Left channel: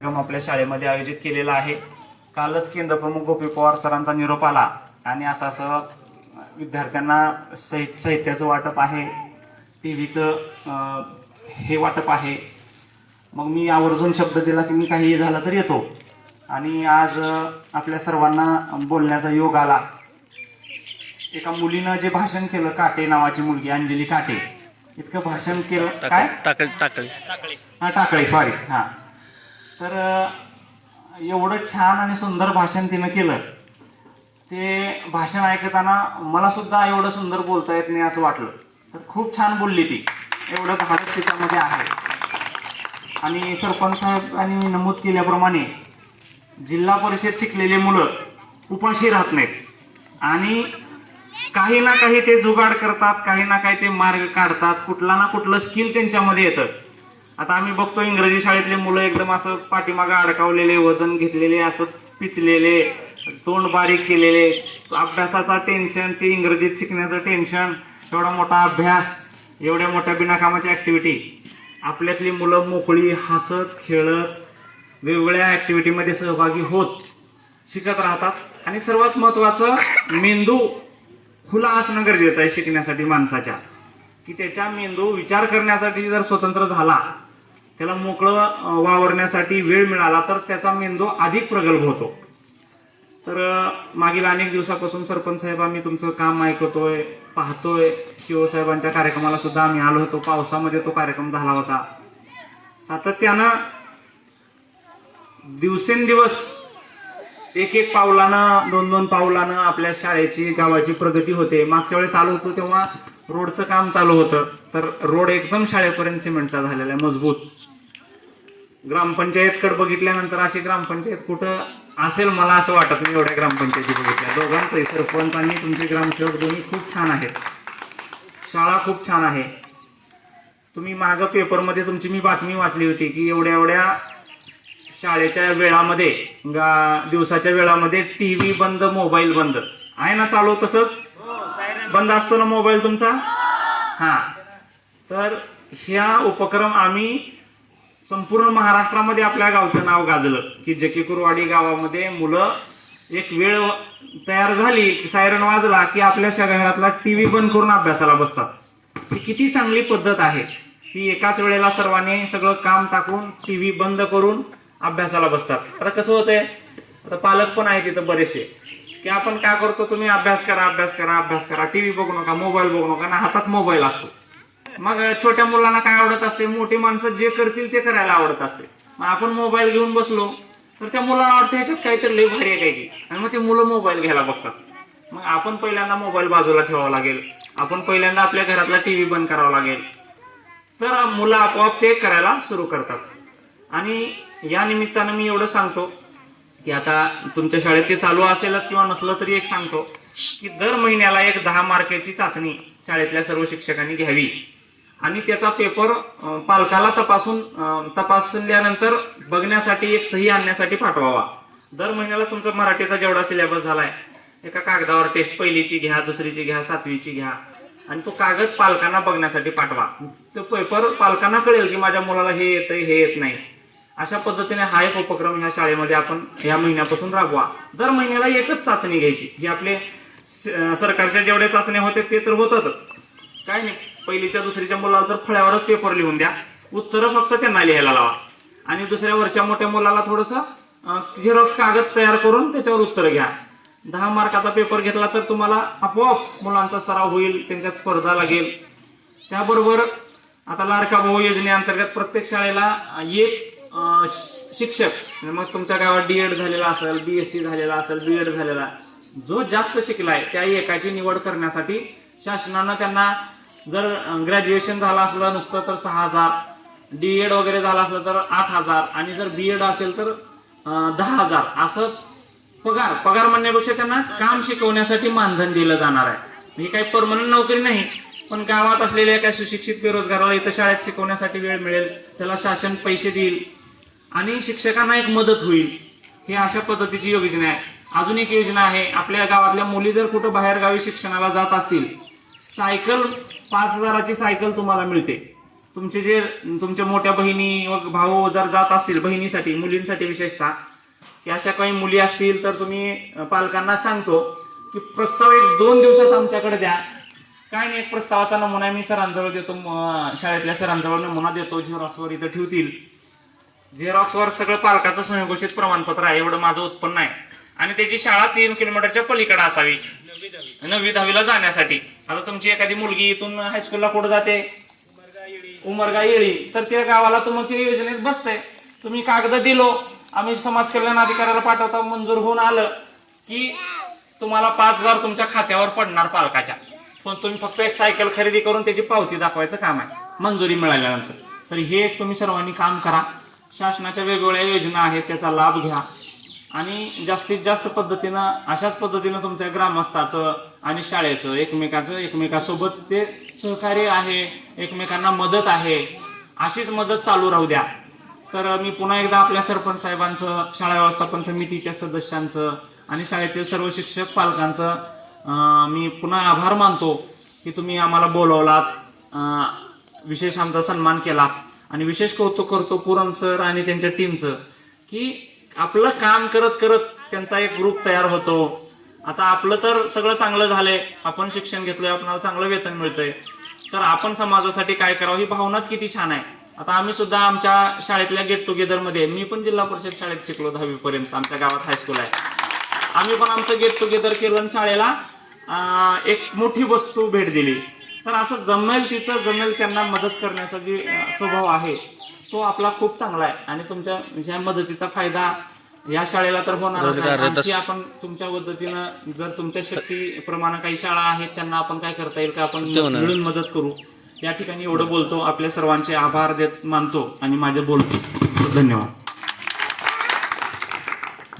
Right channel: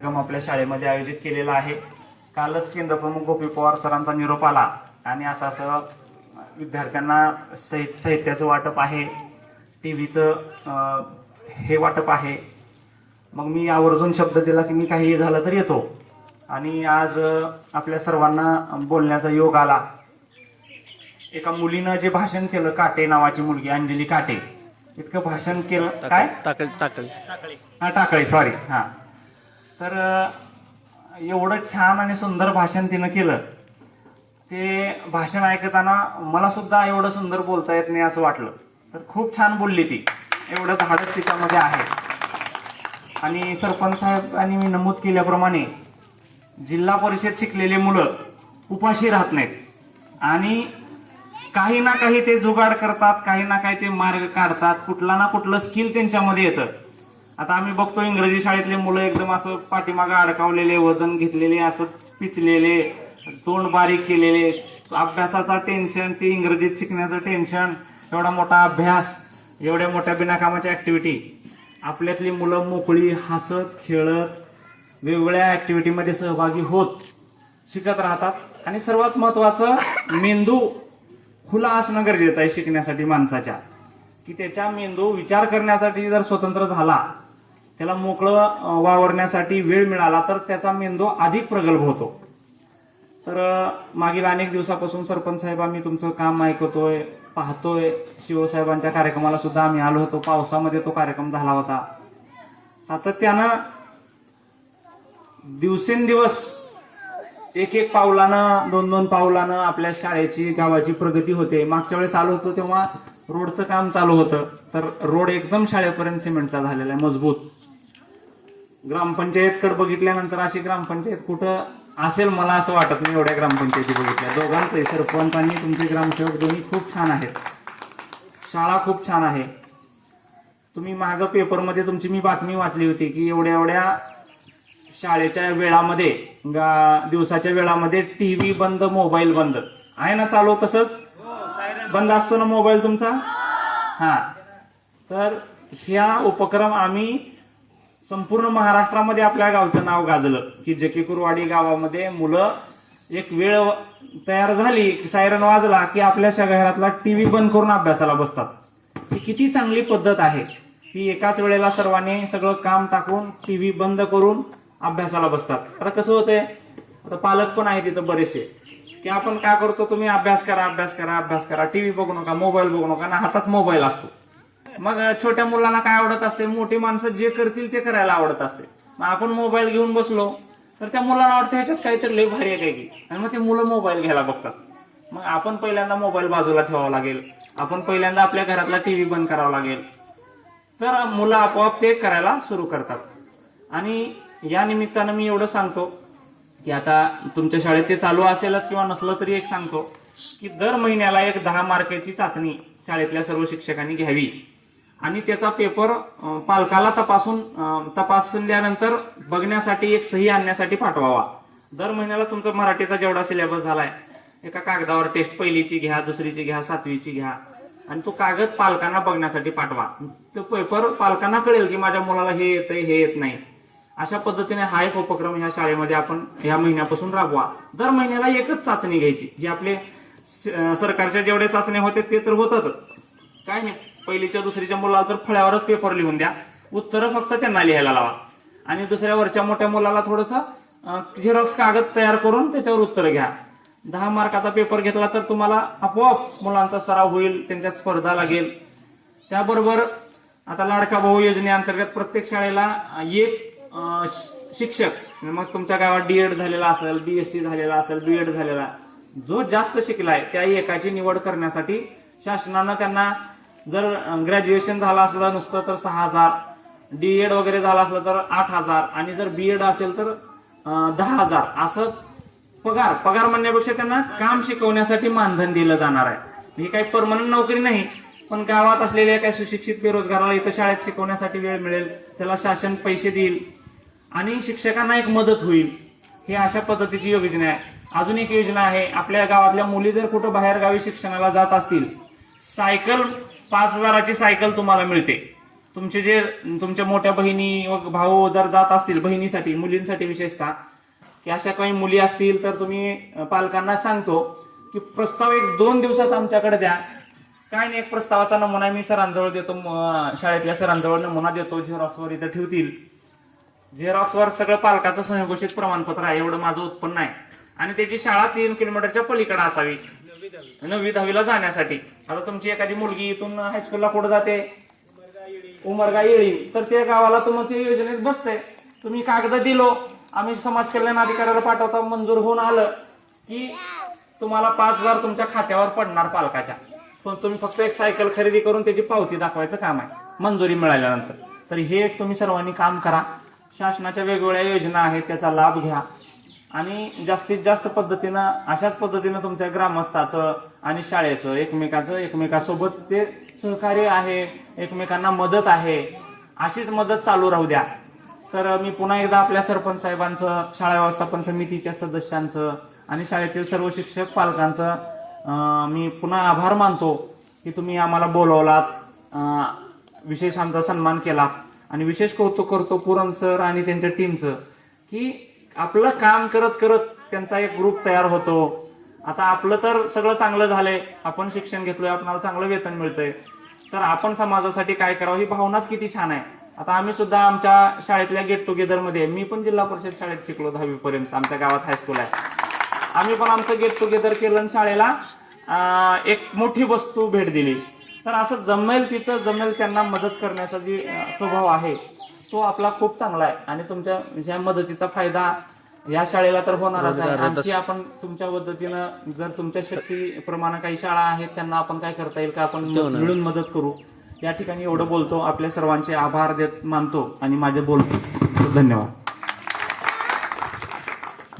कार्यक्रम आपल्या शाळेमध्ये आयोजित केलेला आहे. कालच केंद्रप्रमुख गोपी पवार सरांचा निरोप आला आणि असं असं विद्यार्थ्यांना साहित्य साहित्याचं वाटप आहे. टी व्हीचं हे वाटप आहे. मग मी आवर्जून शब्द दिला की मी काही झालं तर येतो. आणि आज आपल्या सर्वांना बोलण्याचा योग आला. एका मुलीनं जे भाषण केलं काटे नावाची मुलगी अंजली काटे. इतकं भाषण केलं. काय? टाकळी टाकळी. हा टाकळे सॉरी हा. तर एवढं छान आणि सुंदर भाषण तिनं केलं. ते भाषण ऐकताना मला सुद्धा एवढं सुंदर बोलता येत नाही असं वाटलं. तर खूप छान बोलली ती. एवढं धाडस तिच्यामध्ये आहे. आणि सरपंच साहेबांनी नमूद केल्याप्रमाणे जिल्हा परिषद शिकलेली मुलं उपाशी राहत नाहीत. आणि काही ना काही ते जुगाड करतात काही ना काही ते मार्ग काढतात. कुठला ना कुठलं स्किल त्यांच्यामध्ये येतं. आता आम्ही बघतो इंग्रजी शाळेतले मुलं एकदम असं पाठीमागं अडकावलेले वजन घेतलेले असं पिचलेले तोंड बारीक केलेले. अभ्यासाचा टेन्शन ते इंग्रजीत शिकण्याचं टेन्शन एवढा मोठा अभ्यास एवढ्या मोठ्या बिनाकामाच्या ॲक्टिव्हिटी आपल्यातली मुलं मोकळी हसत खेळत वेगवेगळ्या ॲक्टिव्हिटीमध्ये सहभागी होत शिकत राहतात. आणि सर्वात महत्त्वाचं मेंदू खुला असणं गरजेचं आहे शिकण्यासाठी माणसाच्या. की त्याच्या मेंदू विचार करण्यासाठी जर स्वतंत्र झाला त्याला मोकळं वावरण्यासाठी वेळ मिळाला तर त्याचा मेंदू अधिक प्रगल्भ होतो. तर मागील अनेक दिवसापासून सरपंच साहेब आम्ही तुमचं काम ऐकतोय पाहतोय. शिवसाहेबांच्या कार्यक्रमाला सुद्धा आम्ही आलो होतो. पावसामध्ये तो कार्यक्रम झाला होता. सातत्यानं दिवसेंदिवस एक एक पावलानं दोन दोन पावलानं आपल्या शाळेची गावाची प्रगती होते. मागच्या वेळेस आलो होतो तेव्हा रोडचं काम चालू होतं. तर रोड एकदम शाळेपर्यंत सिमेंटचा झालेला आहे मजबूत. ग्रामपंचायतकडे बघितल्यानंतर अशी ग्रामपंचायत कुठं असेल मला असं वाटत नाही एवढ्या ग्रामपंचायती बघितल्या. दोघांचे सरपंच आणि तुमचे ग्रामसेवक दोन्ही खूप छान आहेत. शाळा खूप छान आहे. तुम्ही मागं पेपरमध्ये तुमची मी बातमी वाचली होती की एवढ्या एवढ्या शाळेच्या वेळामध्ये गा- दिवसाच्या वेळामध्ये टी व्ही बंद मोबाईल बंद. आहे ना चालू तसंच बंद असतो ना मोबाईल तुमचा? हा. तर ह्या उपक्रम आम्ही संपूर्ण महाराष्ट्रामध्ये आपल्या गावचं नाव गाजलं की जकीकुरवाडी गावामध्ये मुलं एक वेळ तयार झाली सायरन वाजला की आपल्या शहरातला टीव्ही बंद करून अभ्यासाला बसतात. ही किती चांगली पद्धत आहे. की एकाच वेळेला सर्वांनी सगळं काम टाकून टी व्ही बंद करून अभ्यासाला बसतात. आता कसं होतंय? आता पालक पण आहे तिथं बरेचसे. की आपण काय करतो? तुम्ही अभ्यास करा अभ्यास करा अभ्यास करा. टी व्ही बघू नका मोबाईल बघू नका. ना हातात मोबाईल असतो. मग छोट्या मुलांना काय आवडत असते? मोठी माणसं जे करतील ते करायला आवडत असते. मग आपण मोबाईल घेऊन बसलो तर त्या मुलांना वाटतं ह्याच्यात काहीतरी लय भारी आहे काय की आणि मग ते मुलं मोबाईल घ्यायला बघतात. मग आपण पहिल्यांदा मोबाईल बाजूला ठेवावा लागेल. आपण पहिल्यांदा आपल्या घरातला टीव्ही बंद करावा लागेल. तर मुलं आपोआप ते करायला सुरू करतात. आणि या निमित्तानं मी एवढं सांगतो की आता तुमच्या शाळेत ते चालू असेलच किंवा नसलं तरी एक सांगतो की दर महिन्याला एक दहा मार्काची चाचणी शाळेतल्या सर्व शिक्षकांनी घ्यावी. आणि त्याचा पेपर पालकाला तपासून तपासल्यानंतर बघण्यासाठी एक सही आणण्यासाठी पाठवावा. दर महिन्याला तुमचा मराठीचा जेवढा सिलेबस झालाय एका कागदावर टेस्ट पहिलीची घ्या दुसरीची घ्या सातवीची घ्या आणि तो कागद पालकांना बघण्यासाठी पाठवा. तो पेपर पालकांना कळेल की माझ्या मुलाला हे येतंय हे येत नाही. अशा पद्धतीने हा एक उपक्रम ह्या शाळेमध्ये आपण ह्या महिन्यापासून राबवा. दर महिन्याला एकच चाचणी घ्यायची ही आपले सरकारच्या जेवढे चाचण्या होते ते तर होतातच. काय नाही. पहिलीच्या दुसरीच्या मुलाला तर फळ्यावरच पेपर लिहून द्या. उत्तरं फक्त त्यांना लिहायला लावा. आणि दुसऱ्या वरच्या मोठ्या मुलाला थोडंसं झेरॉक्स कागद तयार करून त्याच्यावर उत्तर घ्या. दहा मार्काचा पेपर घेतला तर तुम्हाला आपोआप मुलांचा सराव होईल त्यांच्यात स्पर्धा लागेल. त्याबरोबर आता लाडका भाऊ योजनेअंतर्गत प्रत्येक शाळेला एक शिक्षक म्हणजे मग तुमच्या गावात डी एड झालेला असेल बी एस सी झालेला असेल बी एड झालेला जो जास्त शिकलाय त्या एकाची निवड करण्यासाठी शासनानं त्यांना जर ग्रॅज्युएशन झालं असलं नसतं तर सहा हजार. डी एड वगैरे झालं असलं तर आठ हजार. आणि जर बी एड असेल तर दहा हजार. असं पगार. पगार म्हणण्यापेक्षा त्यांना काम शिकवण्यासाठी मानधन दिलं जाणार आहे. ही काही परमनंट नोकरी नाही. पण गावात असलेल्या एका सुशिक्षित बेरोजगाराला इथं शाळेत शिकवण्यासाठी वेळ मिळेल. त्याला शासन पैसे देईल. आणि शिक्षकांना एक मदत होईल. ही अशा पद्धतीची योजना आहे. अजून एक योजना आहे. आपल्या गावातल्या मुली जर कुठं बाहेरगावी शिक्षणाला जात असतील सायकल पाच हजाराची सायकल तुम्हाला मिळते. तुमचे जे तुमच्या मोठ्या बहिणी व भाऊ जर जात असतील बहिणीसाठी मुलींसाठी विशेषतः की अशा काही मुली असतील तर तुम्ही पालकांना सांगतो की प्रस्ताव एक दोन दिवसात आमच्याकडे द्या. काय नाही एक प्रस्तावाचा नमुना मी सरांजवळ देतो शाळेतल्या सरांजवळ नमुना देतो झेरॉक्सवर इथं ठेवतील. झेरॉक्सवर सगळं पालकाचं संघोषित प्रमाणपत्र आहे एवढं माझं उत्पन्न आहे. आणि त्याची शाळा तीन किलोमीटरच्या पलीकडे असावी. नववी दहावीला जाण्यासाठी. आता तुमची एखादी मुलगी इथून हायस्कूलला कुठं जाते? उमरगा येळी. तर त्या गावाला तुमची योजनेत बसते. तुम्ही कागद दिलो. आम्ही समाज कल्याण अधिकाऱ्याला पाठवता. मंजूर होऊन आलं की तुम्हाला पाच हजार तुमच्या खात्यावर पडणार पालकाच्या. पण तुम्ही फक्त एक सायकल खरेदी करून त्याची पावती दाखवायचं काम आहे. मंजुरी मिळाल्यानंतर. तर हे एक तुम्ही सर्वांनी काम करा. शासनाच्या वेगवेगळ्या योजना आहेत. त्याचा लाभ घ्या. आणि जास्तीत जास्त पद्धतीनं अशाच पद्धतीनं तुमच्या ग्रामस्थाचं आणि शाळेचं एकमेकाचं एकमेकासोबत ते सहकार्य आहे एकमेकांना मदत आहे अशीच मदत चालू राहू द्या. तर मी पुन्हा एकदा आपल्या सरपंच साहेबांचं शाळा व्यवस्थापन समितीच्या सदस्यांचं आणि शाळेतील सर्व शिक्षक पालकांचं मी पुन्हा आभार मानतो की तुम्ही आम्हाला बोलवलात विशेष आमचा सन्मान केला. आणि विशेष कौतुक करतो पुरम सर आणि त्यांच्या टीमचं की आपलं काम करत करत त्यांचा एक ग्रुप तयार होतो. आता आपलं तर सगळं चांगलं झालंय. आपण शिक्षण घेतलंय आपल्याला चांगलं वेतन मिळतंय. तर आपण समाजासाठी काय करावं ही भावनाच किती छान आहे. आता आम्ही सुद्धा आमच्या शाळेतल्या गेट टुगेदरमध्ये मी पण जिल्हा परिषद शाळेत शिकलो दहावीपर्यंत आमच्या गावात हायस्कूल आहे. आम्ही पण आमचं गेट टुगेदर केलं शाळेला एक मोठी वस्तू भेट दिली. तर असं जमेल तिथं जमेल त्यांना मदत करण्याचा जी स्वभाव आहे तो आपला खूप चांगला आहे. आणि तुमच्या ह्या मदतीचा फायदा या शाळेला तर होणार आणखी आपण तुमच्या पद्धतीनं जर तुमच्या शक्तीप्रमाणे काही शाळा आहेत त्यांना आपण काय करता येईल का? आपण मिळून मदत करू. या ठिकाणी एवढं बोलतो. आपल्या सर्वांचे आभार देत मानतो आणि माझे बोलतो. धन्यवाद.